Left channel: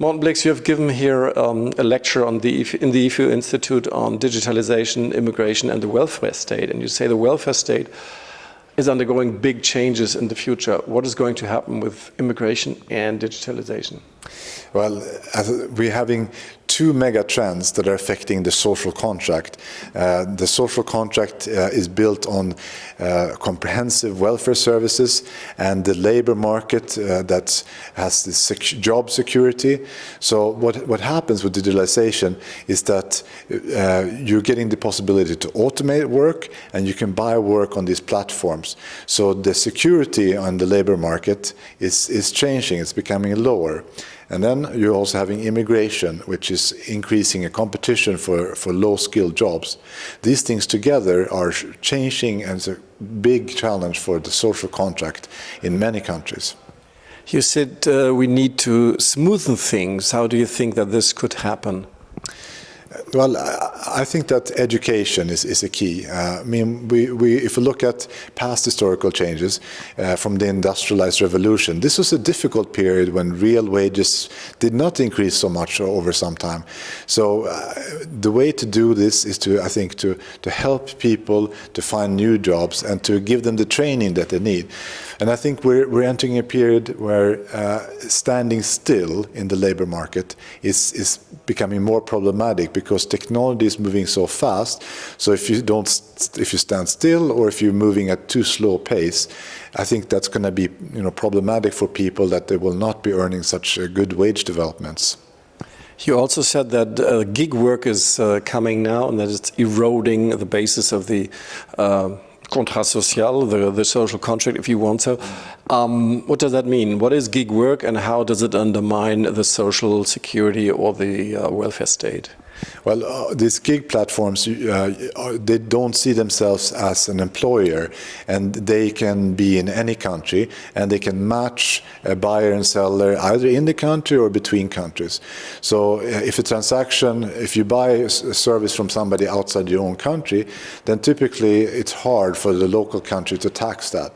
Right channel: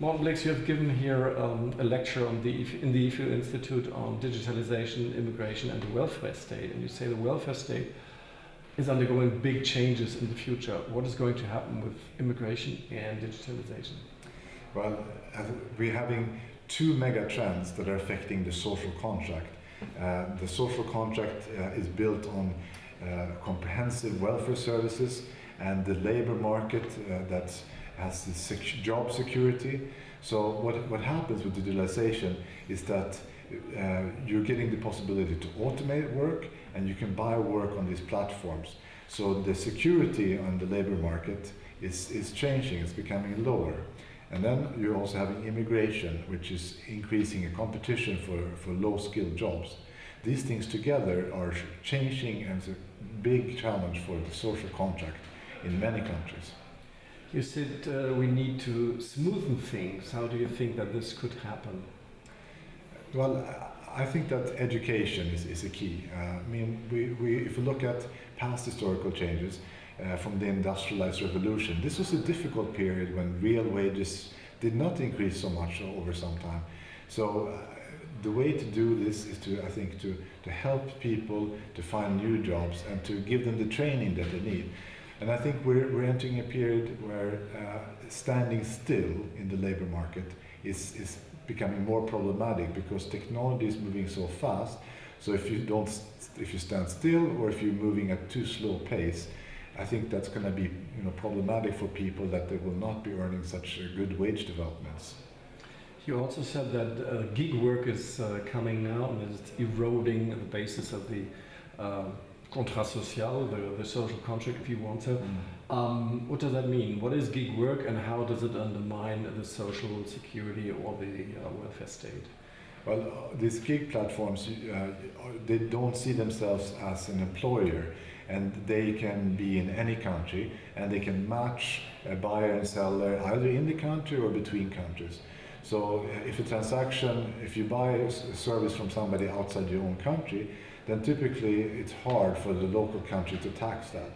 Mårten Blix, you have given here a lecture in the Institut on digitalization, immigration, and the welfare state. And you say the welfare state is undergoing big changes in the future. What is going to happen with immigration and digitalization? Well, we're having two mega trends that are affecting the social contract. The social contract is built on comprehensive welfare services and the labor market that has this job security. So what happens with digitalization is that you're getting the possibility to automate work, and you can buy work on these platforms. So the security on the labor market is changing, it's becoming lower. And then you're also having immigration, which is increasing a competition for low-skilled jobs. These things together are changing, and it's a big challenge for the social contract in many countries. You said we need to smoothen things. How do you think that this could happen? Well, I think that education is a key. I mean, if we look at past historical changes from the industrialized revolution, this was a difficult period when real wages did not increase so much over some time. So the way to do this is I think, to help people to find new jobs and to give them the training that they need. And I think we're entering a period where standing still in the labor market is becoming more problematic, because technology is moving so fast. So if you stand still, or if you're moving at too slow pace, I think that's going to be problematic for people, that they will not be earning such good wage developments. You also said that gig work is coming now, and that it's eroding the basis of the contrat social, the social contract, if you want so. What does that mean? What is gig work, and how does it undermine the social security or the welfare state? Well, these gig platforms, they don't see themselves as an employer, and they can be in any country, and they can match a buyer and seller either in the country or between countries. So if you buy a service from somebody outside your own country, then typically it's hard for the local country to tax that.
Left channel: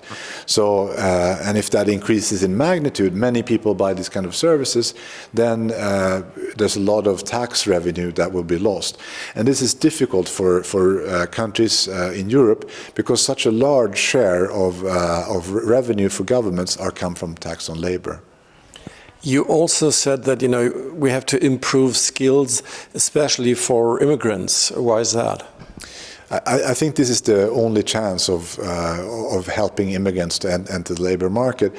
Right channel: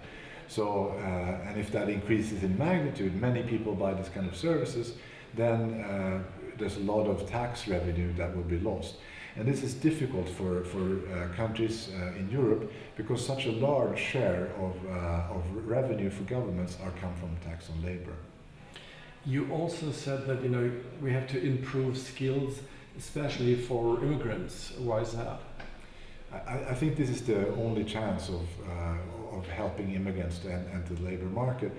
So, and if that increases in magnitude, many people buy these kind of services, then there's a lot of tax revenue that will be lost. And this is difficult for countries in Europe, because such a large share of revenue for governments come from tax on labor. You also said that we have to improve skills, especially for immigrants. Why is that? I think this is the only chance of helping immigrants to enter the labor market.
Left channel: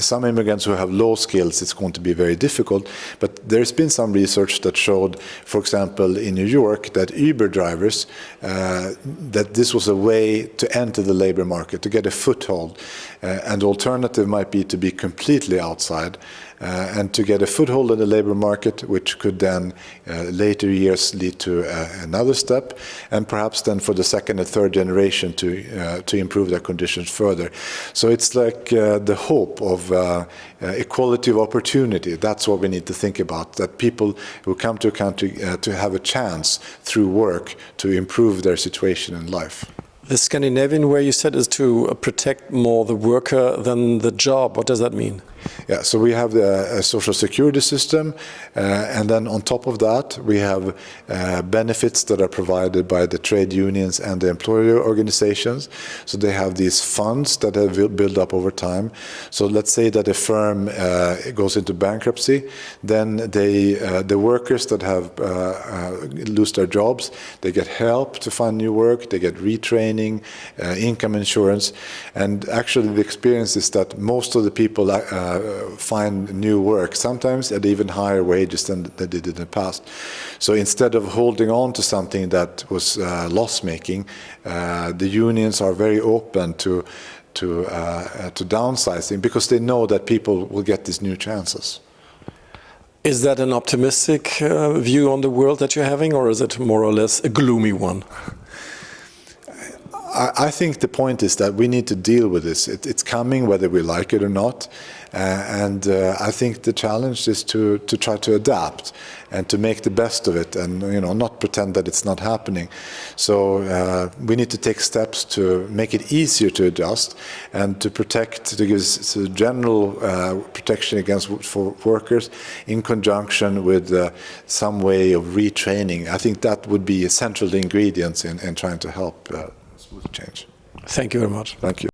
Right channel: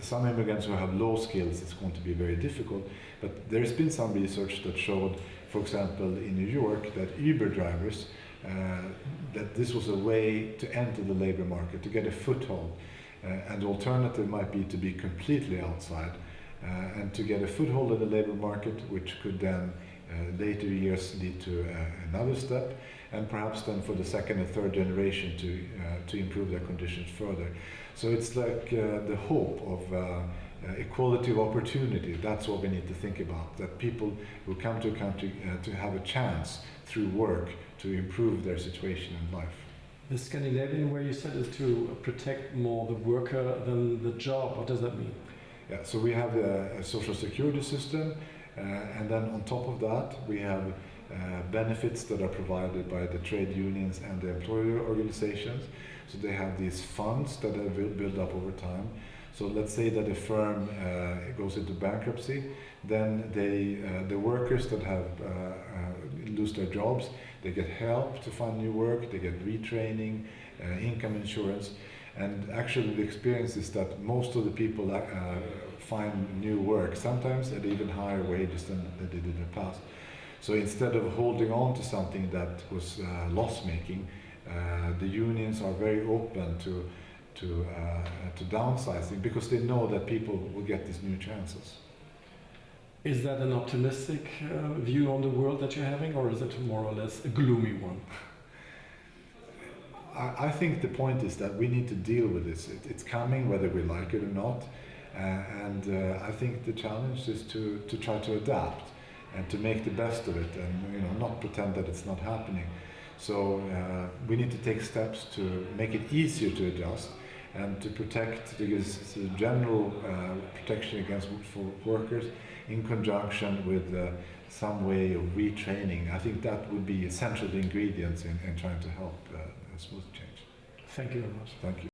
Some immigrants who have low skills, it's going to be very difficult. But there's been some research that showed, for example, in New York, that Uber drivers, that this was a way to enter the labor market, to get a foothold. And the alternative might be to be completely outside. And to get a foothold in the labor market, which could then later years lead to another step, and perhaps then for the second and third generation to improve their conditions further. So it's like the hope of equality of opportunity. That's what we need to think about, that people who come to a country to have a chance through work to improve their situation in life. The Scandinavian way, you said, is to protect more the worker than the job. What does that mean? Yeah, so we have a social security system, and then on top of that we have benefits that are provided by the trade unions and the employer organizations. So they have these funds that have built up over time. So let's say that a firm goes into bankruptcy, then the workers that have lose their jobs, they get help to find new work, they get retraining, income insurance, and actually the experience is that most of the people find new work, sometimes at even higher wages than they did in the past. So instead of holding on to something that was loss-making, the unions are very open to downsizing, because they know that people will get these new chances. Is that an optimistic view on the world that you're having, or is it more or less a gloomy one? I think the point is that we need to deal with this. It's coming whether we like it or not. And I think the challenge is to try to adapt and to make the best of it, and not pretend that it's not happening. So we need to take steps to make it easier to adjust and to give general protection against for workers in conjunction with some way of retraining. I think that would be essential ingredients in trying to help smooth change. Thank you very much. Thank you.